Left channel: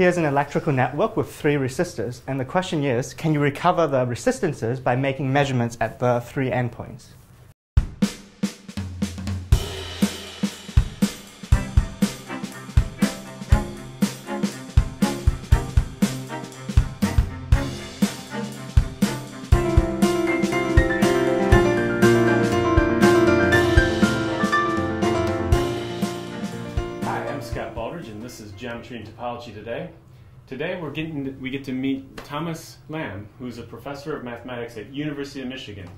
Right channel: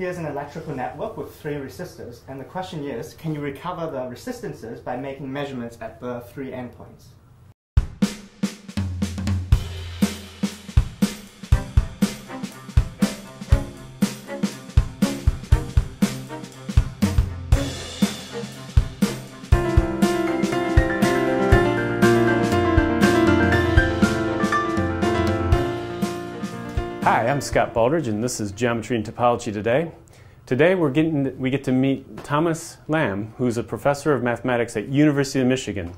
here's an electrical network with 3 resistors. And the question is, can you recover the resistances by making measurements at the 3 endpoints? Baldridge, and this is Geometry and Topology Today. Today we get to meet Thomas Lam, who's a professor of mathematics at University of Michigan.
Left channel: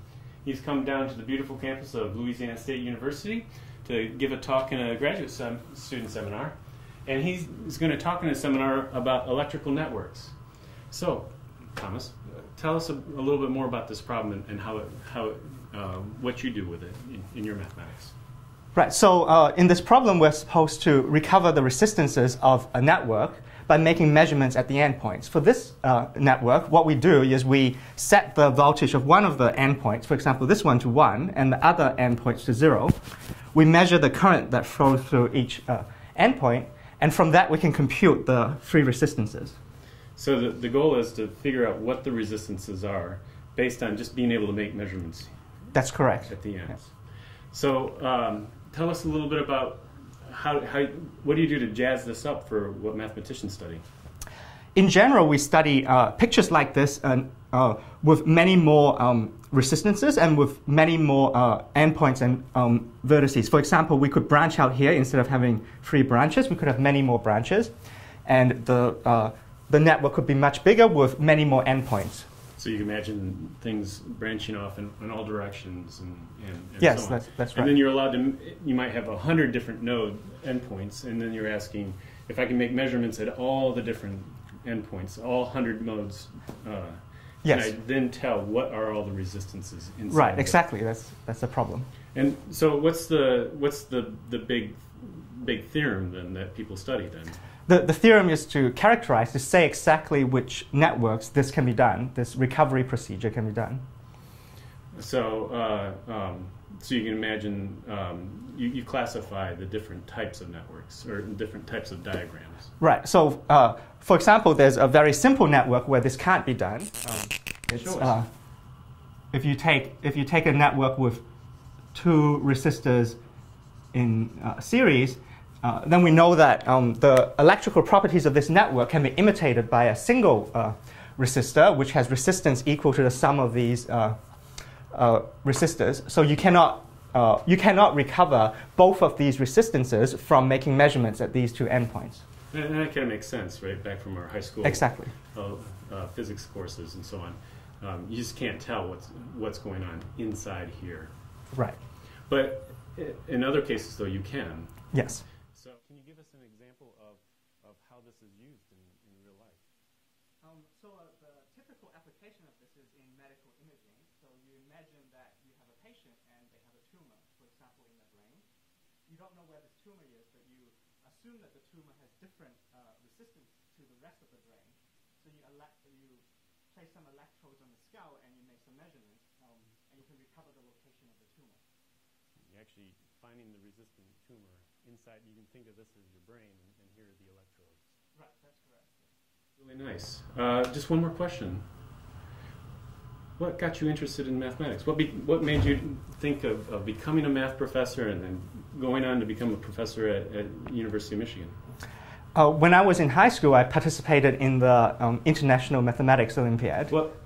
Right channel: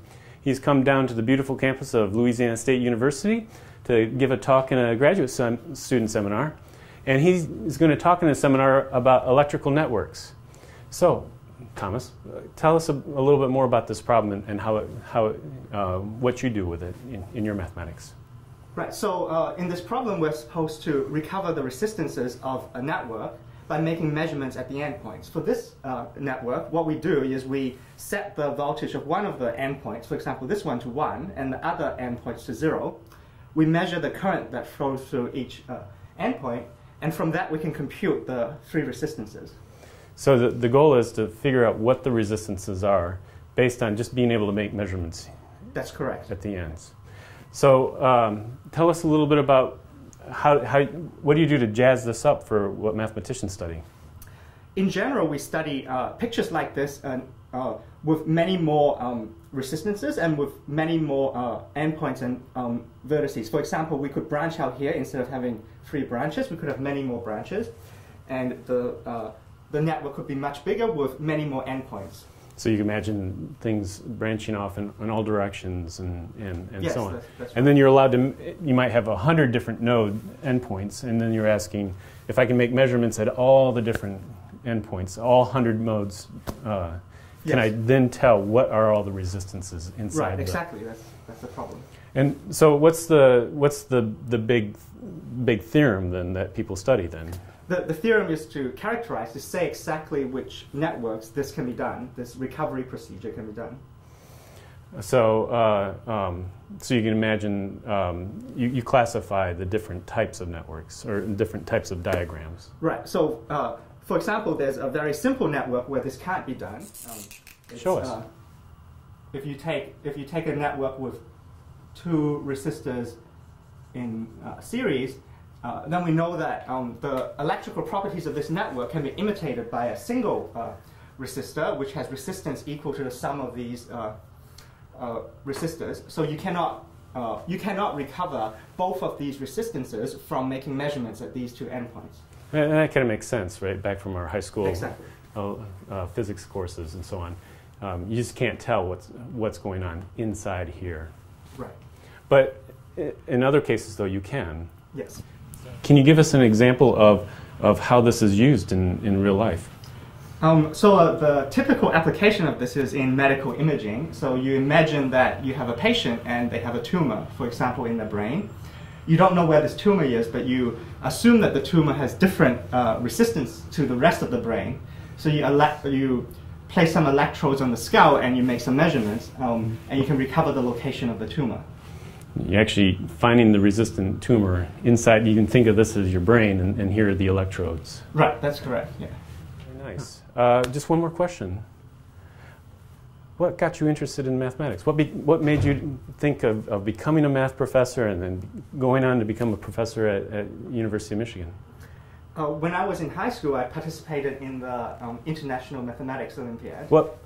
He's come down to the beautiful campus of Louisiana State University to give a talk in a graduate student seminar, and he's going to talk in a seminar about electrical networks. So, Thomas, tell us a little bit more about this problem and what you do with it in your mathematics. Right, so in this problem, we're supposed to recover the resistances of a network by making measurements at the endpoints. For this network, what we do is we set the voltage of one of the endpoints, for example, this one to 1, and the other endpoints to 0. We measure the current that flows through each endpoint, and from that we can compute the 3 resistances. So the goal is to figure out what the resistances are based on just being able to make measurements. That's correct. At the ends. So tell us a little bit about what do you do to jazz this up for what mathematicians study? In general, we study pictures like this with many more resistances and with many more endpoints and vertices. For example, we could branch out here. Instead of having 3 branches, we could have many more branches. And the network could be much bigger with many more endpoints. So you can imagine things branching off in all directions and yes, so on. That's right. And then you're allowed to, you might have 100 different node endpoints, and then you're asking, if I can make measurements at all the different endpoints, all 100 nodes, can I then tell what are all the resistances inside? Right, exactly. That's the problem. And so what's the big theorem then that people study then? The theorem is to characterize, to say exactly which networks this can be done, this recovery procedure can be done. So, so you can imagine you classify the different types of networks or different types of diagrams. Right. So, for example, there's a very simple network where this can't be done. Show us. If you take a network with 2 resistors in series, then we know that the electrical properties of this network can be imitated by a single resistor, which has resistance equal to the sum of these resistors. So you cannot recover both of these resistances from making measurements at these 2 endpoints. And that kind of makes sense, right? Back from our high school exactly. Physics courses and so on. You just can't tell what's going on inside here. Right. But in other cases, though, you can. Yes. Can you give us an example of how this is used in real life? So the typical application of this is in medical imaging. So you imagine that you have a patient and they have a tumor, for example, in the brain. You don't know where this tumor is, but you assume that the tumor has different resistance to the rest of the brain. So you place some electrodes on the skull and you make some measurements, and you can recover the location of the tumor. You're actually finding the resistant tumor inside. You can think of this as your brain, and here are the electrodes. Right, that's correct. Yeah. Very nice. Just one more question. What got you interested in mathematics? What made you think of becoming a math professor and then going on to become a professor at University of Michigan? When I was in high school, I participated in the International Mathematics Olympiad. What?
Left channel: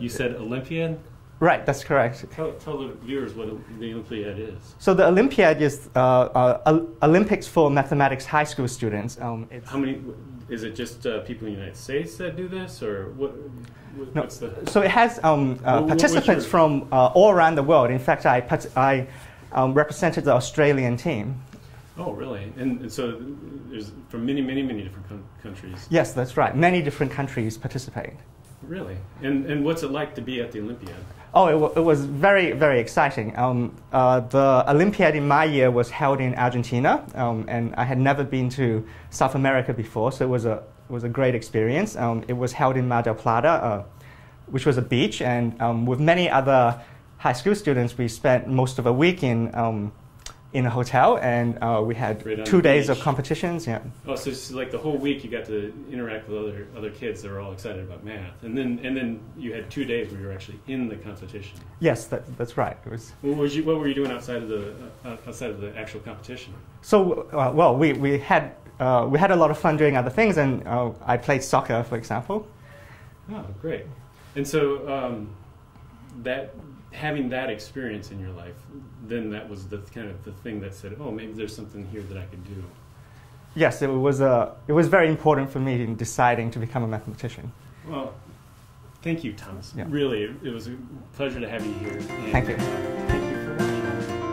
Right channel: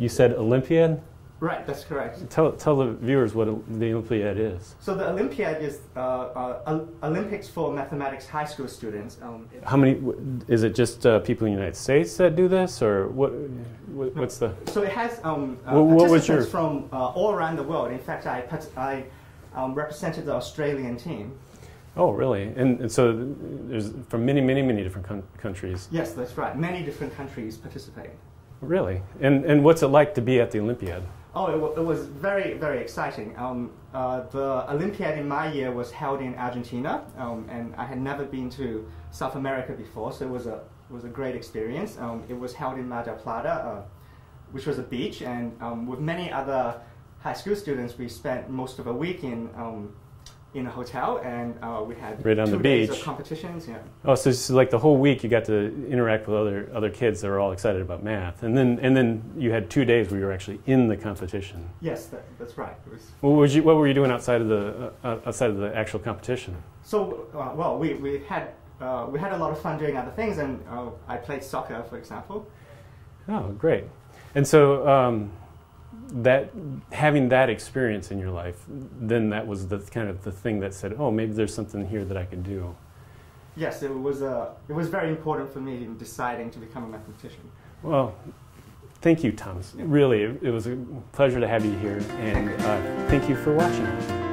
You said Olympiad? Right, that's correct. Tell the viewers what the Olympiad is. So the Olympiad is Olympics for mathematics high school students. How many? Is it just people in the United States that do this, or what's the? So it has participants from all around the world. In fact, I represented the Australian team. Oh, really? And so there's from many different countries. Yes, that's right. Many different countries participate. Really? And what's it like to be at the Olympiad? Oh, it was very, very exciting. The Olympiad in my year was held in Argentina, and I had never been to South America before, so it was a great experience. It was held in Mar del Plata, which was a beach, and with many other high school students, we spent most of a week in in a hotel, and we had Right on 2 the days of beach. competitions. Yeah. Oh, so it's like the whole week you got to interact with other kids that were all excited about math, and then you had 2 days where you were actually in the competition. Yes, that's right. It was. What were you doing outside of the actual competition? So well, we had a lot of fun doing other things, and I played soccer, for example. Oh, great! And so that having that experience in your life, then that was the kind of the thing that said, oh, maybe there's something here that I can do. Yes, it was very important for me in deciding to become a mathematician. Well, thank you, Thomas. Yeah. Really, it was a pleasure to have you here. And Thank you. Thank you for watching.